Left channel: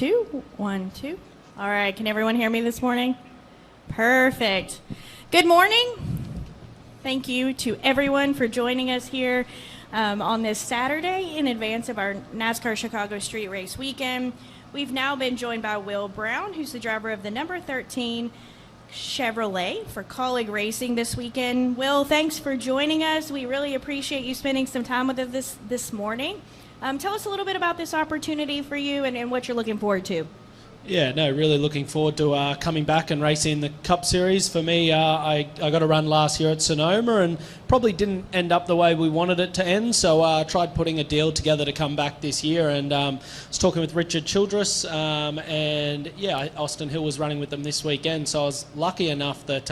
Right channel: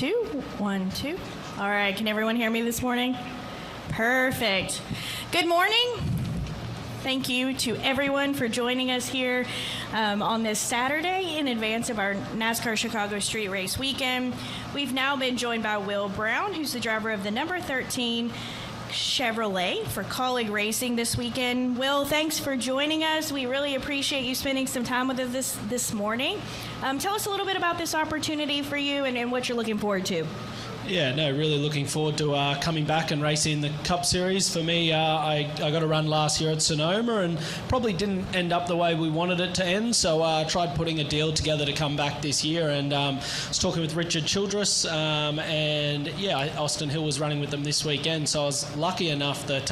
2. 1, 2. All right, can everyone hear me this morning? Perfect. Good morning. Thank you to everyone for joining us here on this Saturday in advance of our NASCAR Chicago Street Race weekend. We've now been joined by Will Brown, who's the driver of the number 13 Chevrolet for Kaulig Racing this weekend. Will, thanks for joining us. We really appreciate you spending some time with us this morning. Tell us a little bit about this opportunity for you and what you're looking forward to. Yeah, no, really looking forward to coming back and racing the Cup Series. For me, I got a run last year at Sonoma and probably didn't end up the way we wanted it to end, so I tried putting a deal together to come back this year, and I was talking with Richard Childress, and yeah, Austin Hill was running with them this weekend, so I was lucky enough that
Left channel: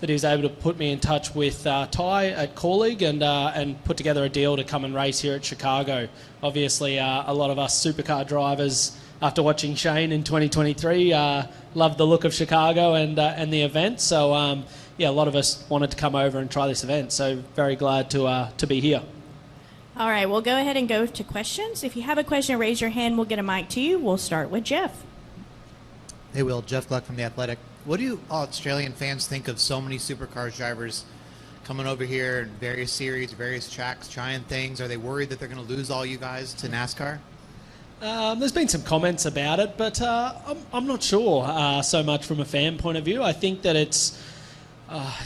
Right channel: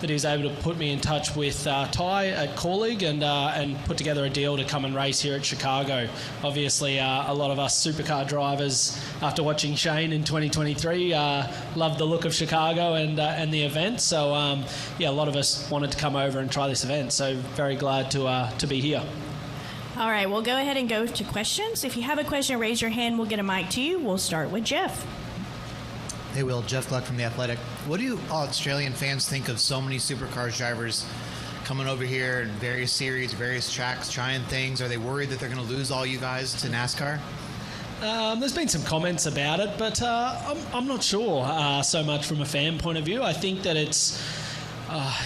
he was able to put me in touch with Ty at Kaulig and put together a deal to come and race here at Chicago. Obviously, a lot of us supercar drivers, after watching Shane in 2023, loved the look of Chicago and the event. So yeah, a lot of us wanted to come over and try this event. So very glad to be here. All right, we'll go ahead and go to questions. If you have a question, raise your hand. We'll get a mic to you. We'll start with Jeff. Hey, Will. Jeff Gluck from The Athletic. What do Australian fans think of so many supercars drivers coming over here in various series, various tracks, trying things? Are they worried that they're going to lose all you guys to NASCAR? There's been some comments about it, but I'm not sure so much from a fan point of view. I think that it's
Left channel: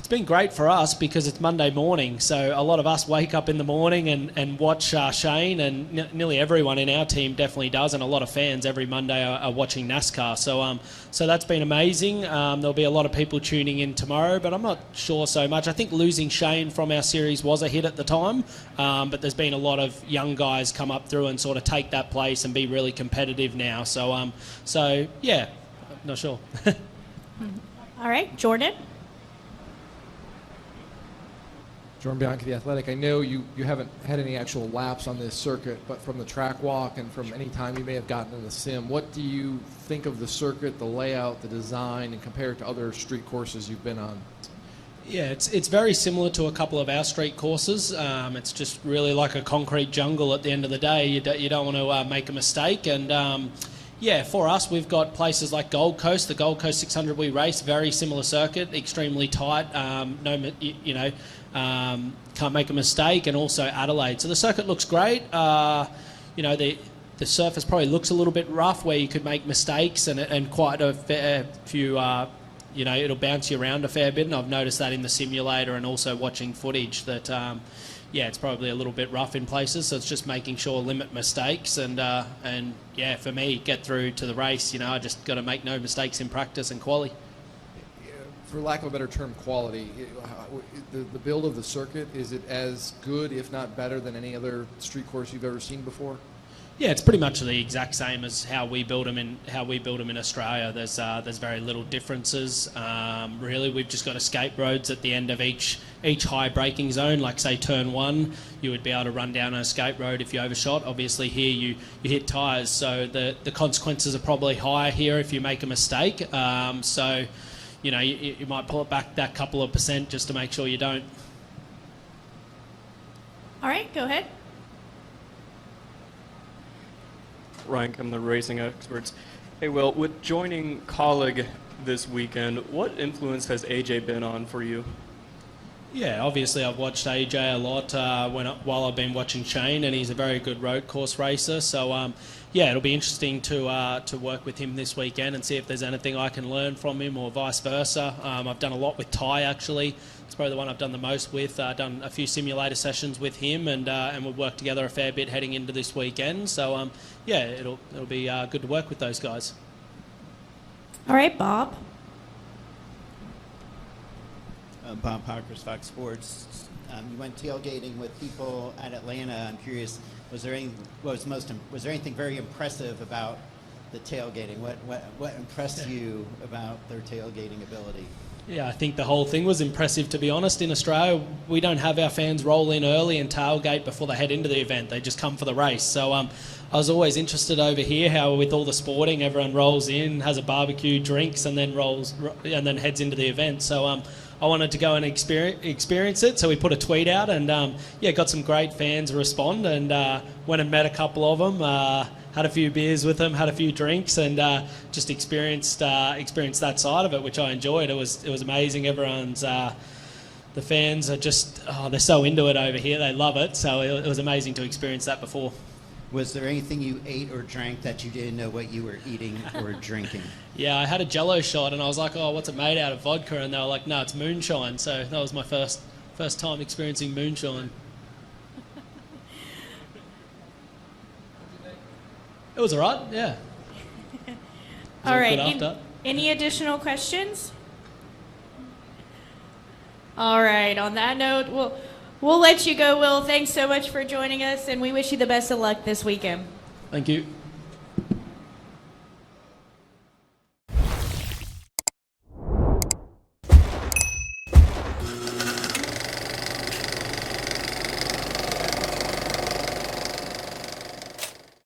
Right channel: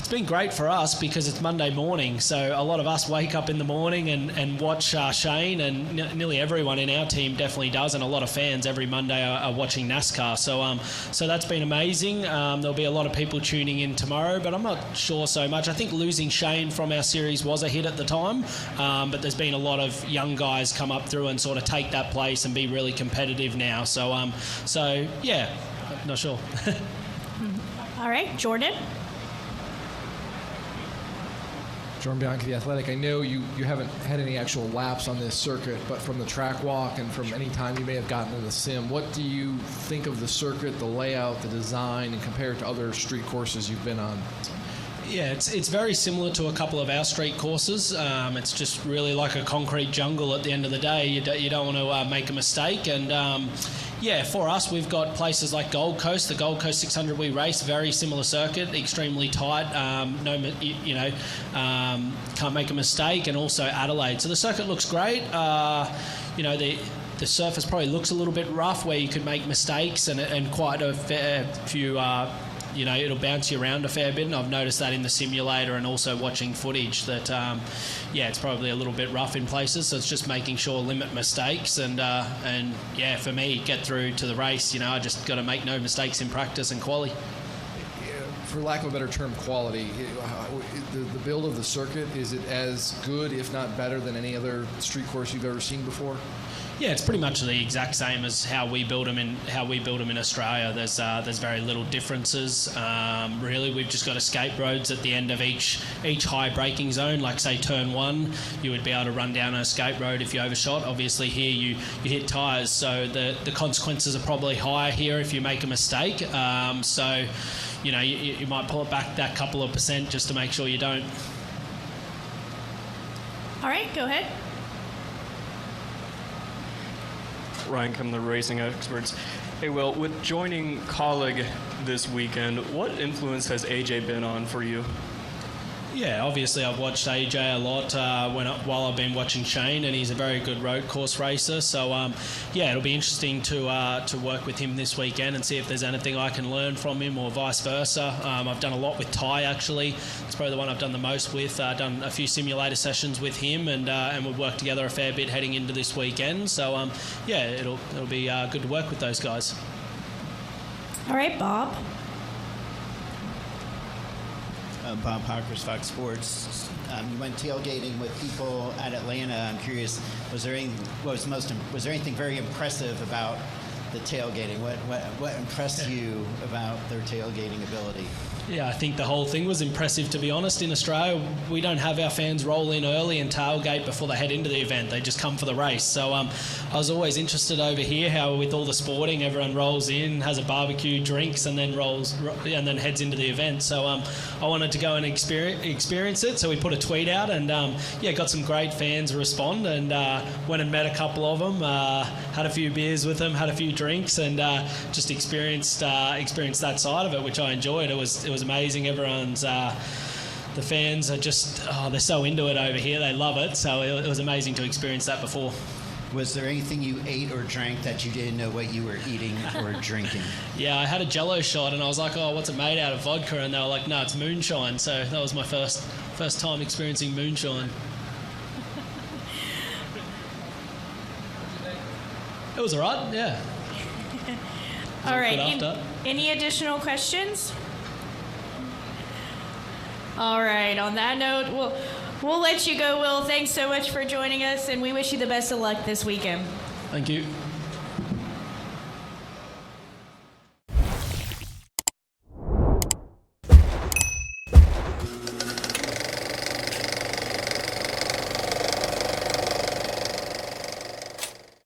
been great for us because it's Monday morning, so a lot of us wake up in the morning and watch Shane, and nearly everyone in our team definitely does, and a lot of fans every Monday are watching NASCAR. So that's been amazing. There'll be a lot of people tuning in tomorrow, but I'm not sure so much. I think losing Shane from our series was a hit at the time, but there's been a lot of young guys come up through and sort of take that place and be really competitive now. So yeah, not sure. All right, Jordan. Jordan Bianchi, The Athletic. I know you haven't had any actual laps on this circuit, but from the track walk and from any time you may have gotten in the sim, what do you think of the circuit, the layout, the design, and compare it to other street courses you've been on? Yeah, it's very similar to a couple of our street courses. It's just really like a concrete jungle at the end of the day. You don't want to make a mistake, and yeah, for us, we've got places like Gold Coast. The Gold Coast 600 we race, very similar circuit, extremely tight. Can't make a mistake, and also Adelaide. So the circuit looks great. The surface probably looks a little bit rough, where you could make mistakes, and quite a fair few. It'll bounce you around a fair bit, and I've noticed that in the simulator and also watching footage that. It's probably a little bit rough in places, so it's just making sure limit mistakes and yeah, for me, get through to the race. I just got to make no mistakes in practice and quali. For lack of a better term, quality. The build of the circuit, is it as good, if not better, than any other street course you've ever seen before? Yeah, it's pretty much the exact same as how we build them in Australia. There's very little differences. Really, we've just got escape roads at the end of each high braking zone. Like say turn 1, you would be able to run down an escape road if you overshot. Obviously here you hit tyres, so the consequences are probably higher here if you make a mistake. So you might pull it back that couple of percent just to make sure you don't. All right, go ahead. Ryan Kim, the Racing Experts. Hey, Will, with joining Kaulig this weekend, what influence has AJ been on for you? Yeah, obviously I've watched AJ a lot while I've been watching Shane, and he's a very good road course racer. So yeah, it'll be interesting to work with him this weekend and see if there's anything I can learn from him or vice versa. I've done a lot with Ty actually. It's probably the one I've done the most with. Done a few simulator sessions with him, and we've worked together a fair bit heading into this weekend. So yeah, it'll be good to work with those guys. All right, Bob. Bob Parkhurst, Fox Sports. You went tailgating with people at Atlanta. I'm curious, was there anything very impressive about the tailgating? What impressed you about their tailgating ability? Yeah, I think the whole thing was impressive, to be honest. In Australia, we don't have our fans roll in early and tailgate before they head into the event. They just come for the race. So I was always interested over here how with all the sporting, everyone rolls in, has a barbecue, drinks, and then heads into the event. So I wanted to go and experience it. So we put a tweet out and got some great fans respond, and went and met a couple of them, had a few beers with them, had a few drinks, and just experienced that side of it, which I enjoyed. It was amazing. Everyone's the fans are just they're so into it over here. They love it. So it was amazing to experience that before. Was there anything you ate or drank that you didn't know what you were eating or drinking? Yeah, I had a Jello shot, and I was like, "Oh, what's it made out of?" Vodka, and they were like, "No, it's moonshine." So that was my first time experiencing moonshine. It was alright, yeah. All right. After. Any additional questions? All right. On that note, we'll let you go, Will. Thanks so much for joining us, and we wish you the best of luck this weekend. Thank you.